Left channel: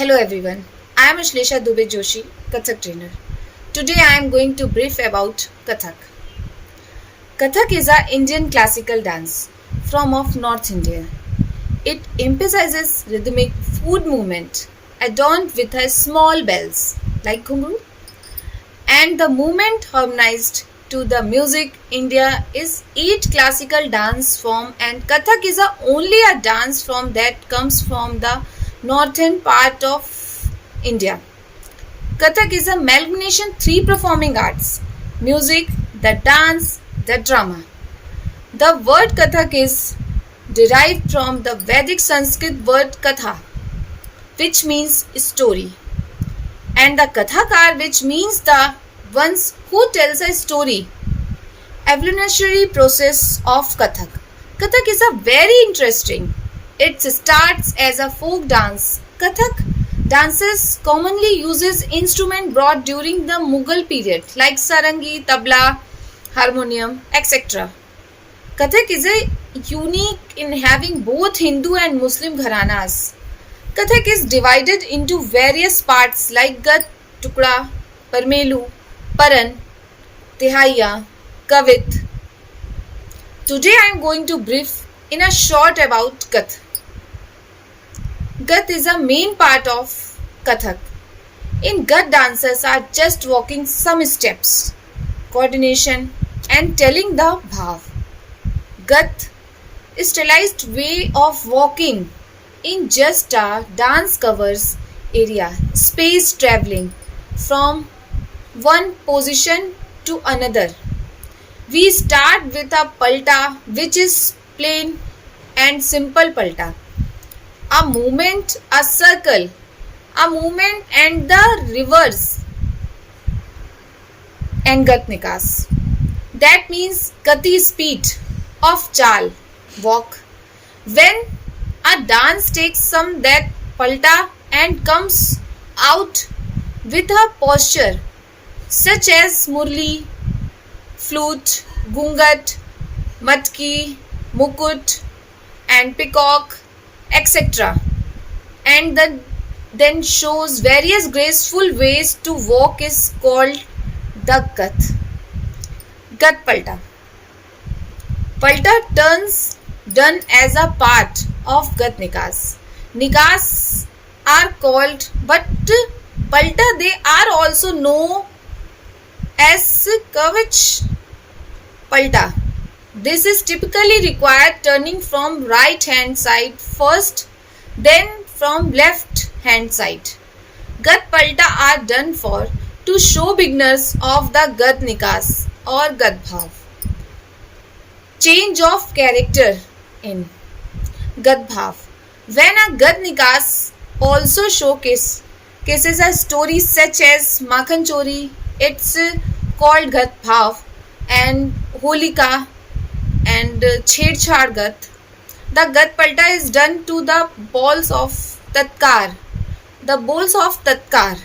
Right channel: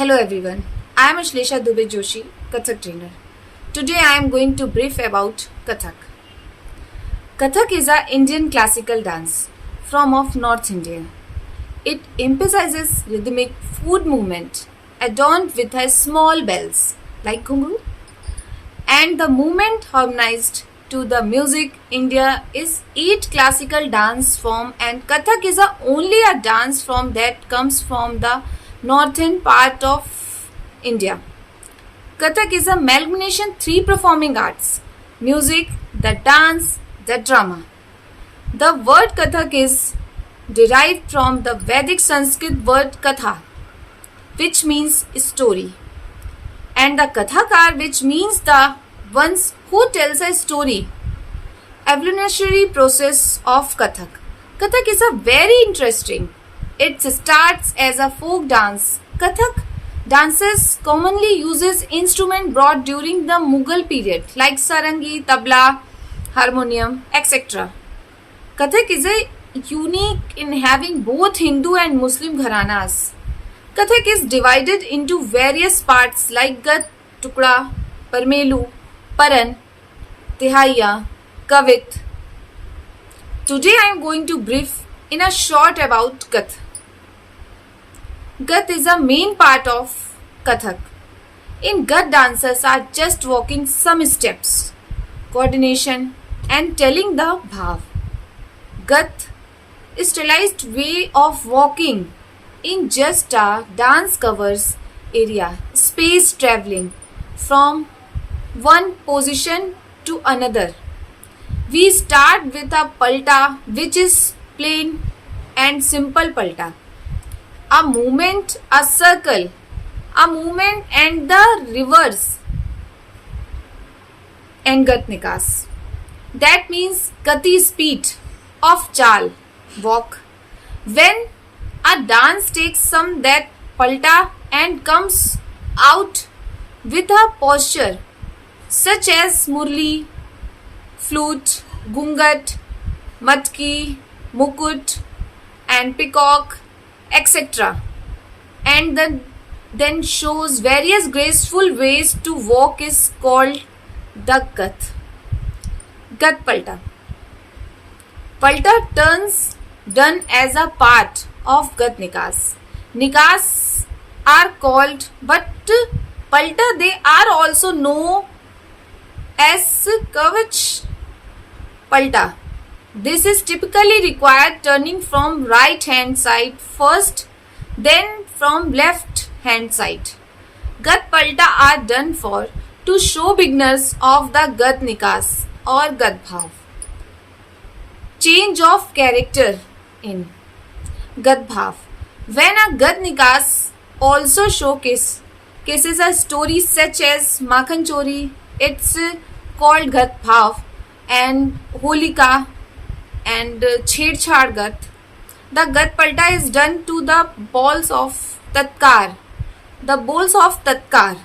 Hello everyone, I am Ashlesha Dubey Joshi, Kathak trainer. Today I am going to brief about Kathak. Kathak is an Indian classical dance from of North India. It emphasizes rhythmic foot movement adorned with a small bells like ghungru, and the movement harmonized to the music. India is eight classical dance form, and Kathak is only a dance form that comes from the northern part of India. Kathak is a amalgamation three performing arts: music, the dance, the drama. The word Kathak is derived from the Vedic Sanskrit word Katha, which means story, and the Kathakar, which means the ones who tells a story. Evolutionary process of Kathak. Kathak is a very interesting. It starts as a folk dance. Kathak dances commonly uses instrument brought during the Mughal period like sarangi, tabla, harmonium, etc. Kathak is unique in having both Hindu and Muslim gharanas. Kathak is divided into various parts like Gat, Tukda, Parmelu, Paran, Tihaiya, Kavit. Today I am going to brief in a short about Kath. Gat is a main part of Kathak. In Gat, dancers are just walking some steps, coordination and telling the bhav. Gat is stylized way of walking in just a dance covers area, space traveling from one position to another. We start with a palta, which is plain and simple palta. A movement, a circle, a movement and the reverse and gatnikas. That means gati speed of chal, walk. When a dance takes some that palta and comes out with a posture such as murli, flute, gungat, matki, mukut and peacock, etc. and then shows various graceful ways to walk is called the Gat. Gat Palta. Palta turns done as a part of Gat Nikas. Nikas are called, but Palta they are also known as Kavach Palta. This is typically required turning from right hand side first, then from left hand side. Gat Palta are done to show beginners of the Gat Nikas or Gat Bhav. Change of character in Gat Bhav. When a Gat Nikas also cases a story such as Makhan Chori, it's called Gat Bhav, and Holika and Chhedchhad Gat. The Gat Palta is done to the balls of Tatkar. The balls of Tatkar.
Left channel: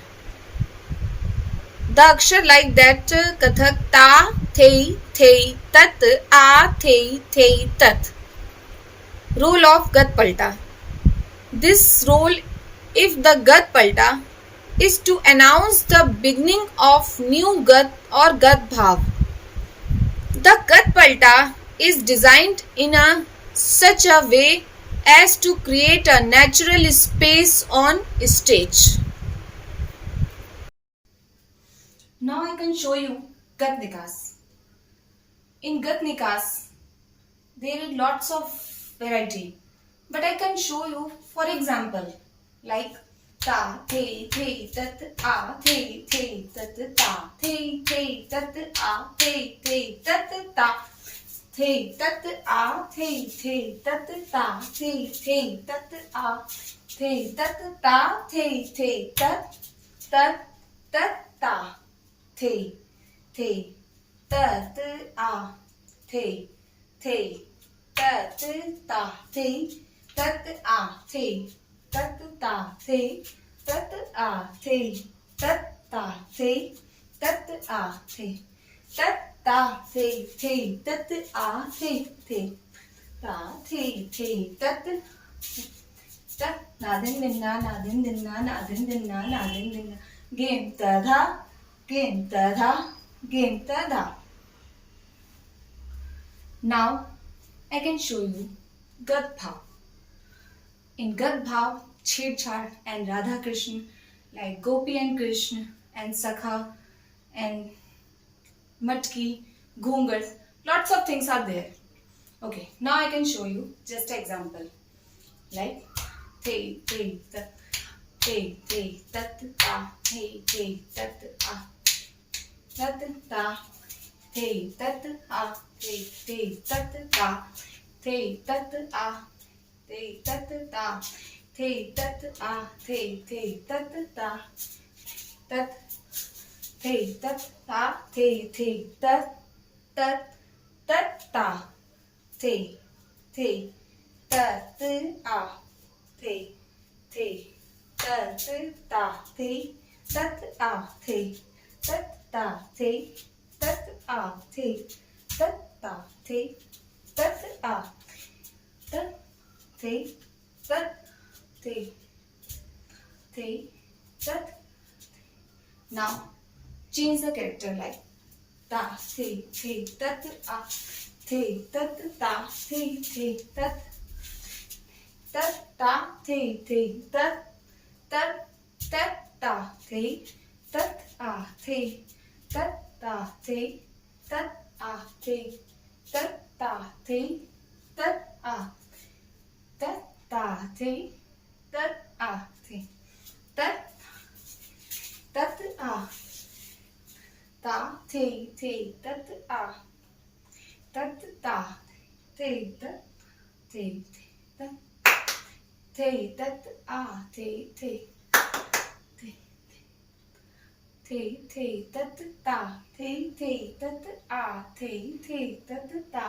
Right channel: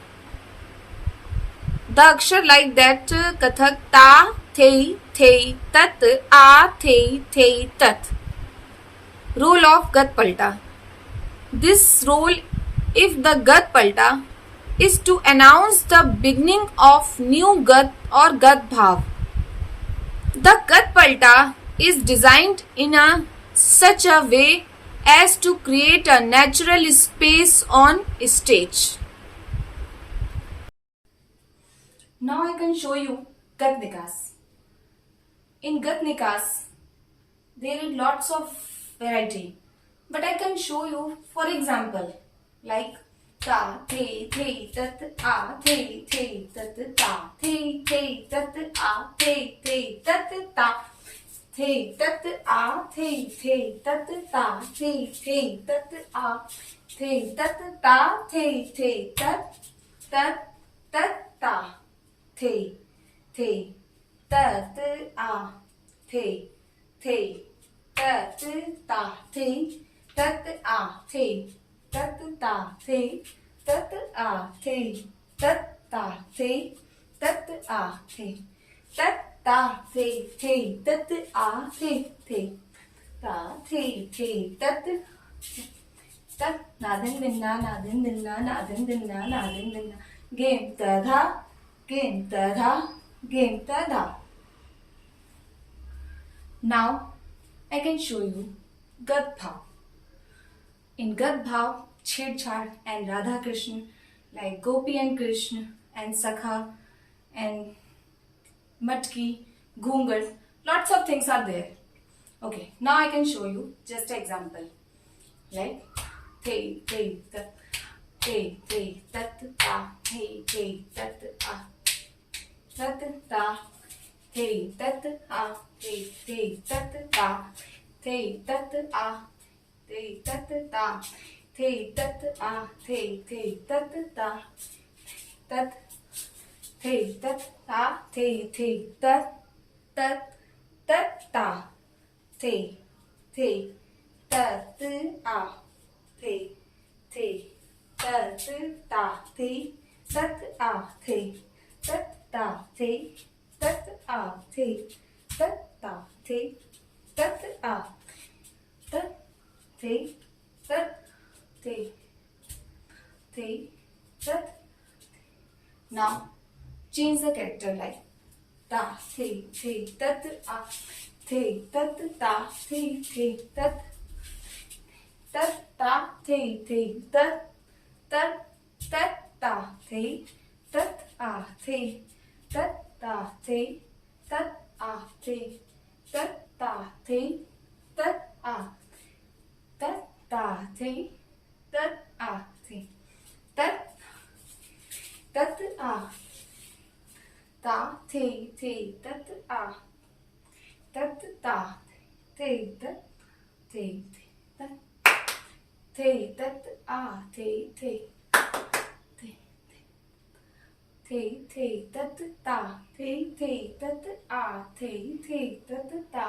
The akshar like that Kathak ta, thei, thei, tat, a, thei, thei, tat. Role of Gat Palta. This role, if the Gat Palta, is to announce the beginning of new Gat or Gat Bhav. The Gat Palta is designed in such a way as to create a natural space on stage. Now I can show you Gat Nikas. In Gat Nikas, there is lots of variety, but I can show you, for example, like ta, thei, thei, tat, a, thei, thei, tat, ta, thei, thei, tat, a, thei, thei, tat, ta, thei, tat, a, thei, thei, tat, ta, thei, thei, tat, a, thei, tat, ta, thei, thei, tat, tat, tat, ta, thei, thei, tat, a, thei, thei, tat, ta, thei, tat, a, thei, tat, ta, thei, tat, a, thei, tat, ta, thei, tat, a, thei, tat, ta, thei, thei, tat, a, thei, thei, ta, thei, thei, tat, tat na din din na na din din na na din din na na din din na. Game ta dha, game ta dha, game ta dha. Now I can show you Gad Bhav. In Gad Bhav, Chhed and Radha Krishna, like Gopi and Krishna and Sakha and Matki, Ghungar, lots of things are there. Okay, now I can show you just an example. Like Hey, hey, tat, hey, hey, tat, ta, hey, hey, tat, ah, tat, ta, hey, tat, ah, hey, hey, tat, ta, hey, tat, ah, hey, tat, ta, hey, tat, ah, hey, hey, tat, ta, tat, hey, tat, ah, hey, hey, tat, tat, ta, hey, hey, tat, ah. Thi tat ta thi tat a thi tat ta thi tat a thi tat ta thi tat a tat thi tat thi thi tat. Now change the character like ta thi tat a thi tat ta thi tat tat ta thi tat tat ta thi tat a thi tat ta thi tat a thi tat ta thi tat a tat ta thi tat a thi tat tat a ta thi tat a tat ta thi tat thi tat thi tat a thi tat ta thi tat a thi tat ta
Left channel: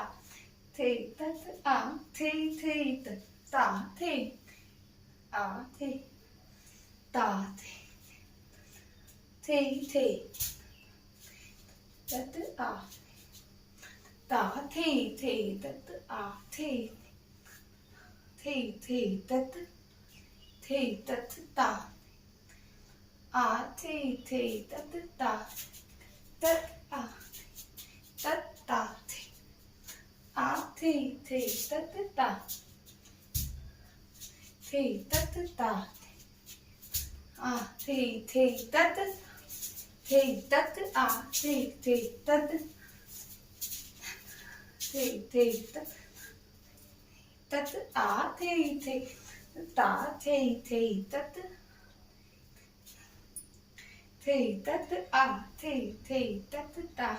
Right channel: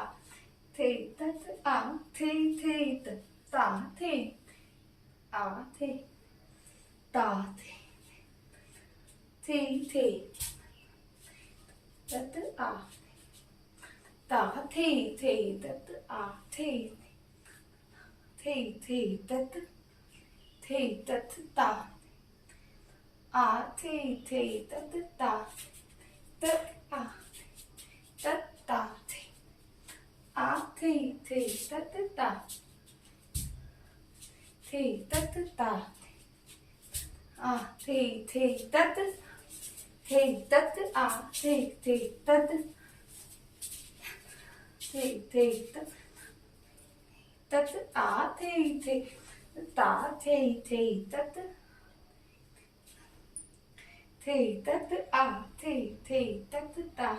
thi tat a thi tat ta thi a thi ta thi tat a ta thi tat a thi tat ta a thi tat ta tat a tat ta a thi tat ta tat ta a thi tat tat a thi tat tat tat a thi ta thi tat tat a thi tat ta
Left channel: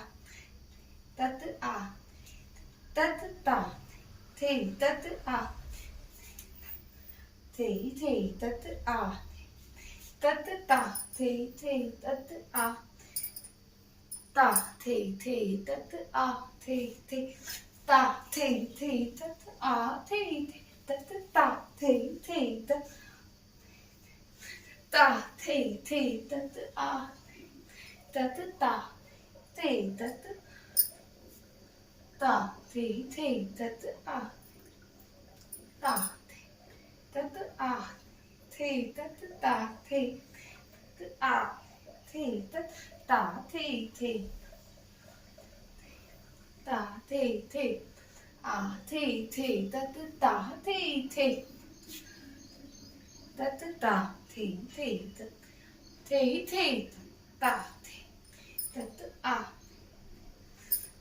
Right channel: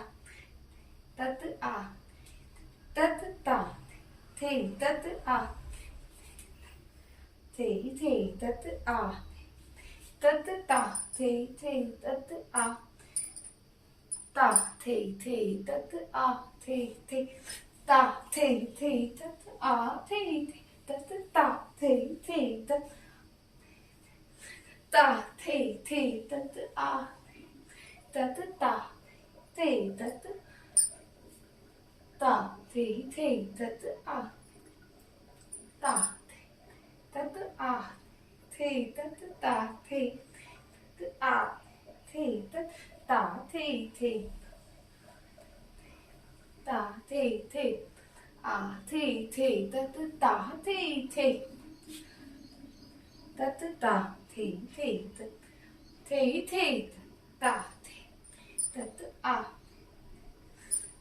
tat a tat ta thi tat a tat a tat ta thi tat a ta thi tat a thi ta thi tat a thi tat ta thi tat ta thi tat a tat ta thi tat ta thi tat a ta tat a thi tat ta thi a thi tat ta thi ta thi a thi tat ta thi tat ta thi ta tat a ta tat a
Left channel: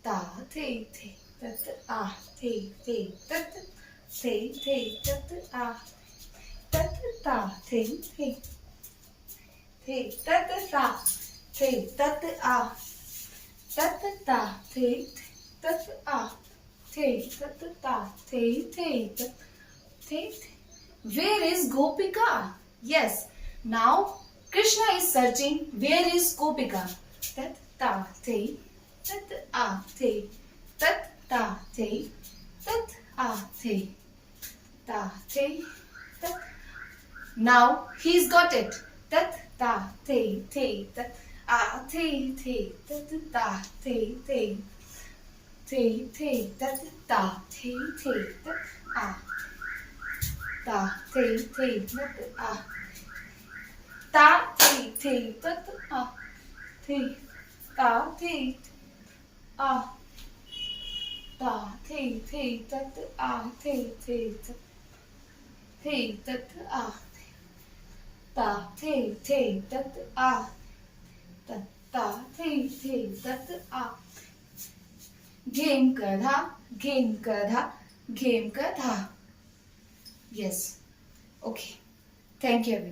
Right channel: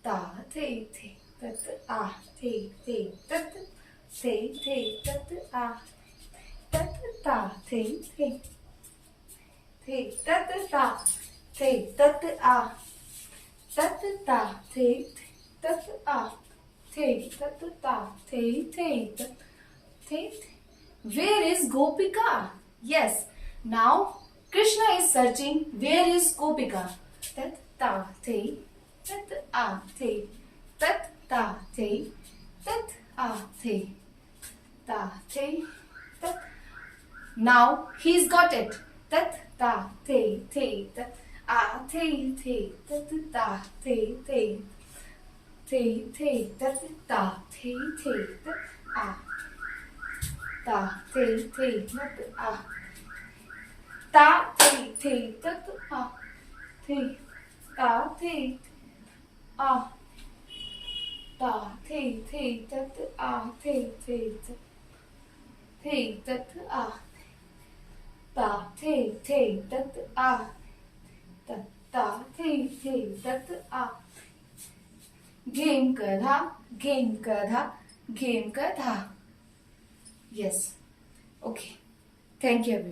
tat tat a tat ta tat ta tat a tat ta tat a tat ta Where is Gopika? Yes. Now Krishna is searching. Where is Gopika? Tat ta tat a tat ta tat a ta tat. Now he's got it. Tat ta tat a tat ta tat ta tat a ta the tat a ta the tat a the ta the a ta the tat a the tat a ta the tat a ta ta the tat a game kadha game kadha game kadha. Yes. Okay. Thank you everyone.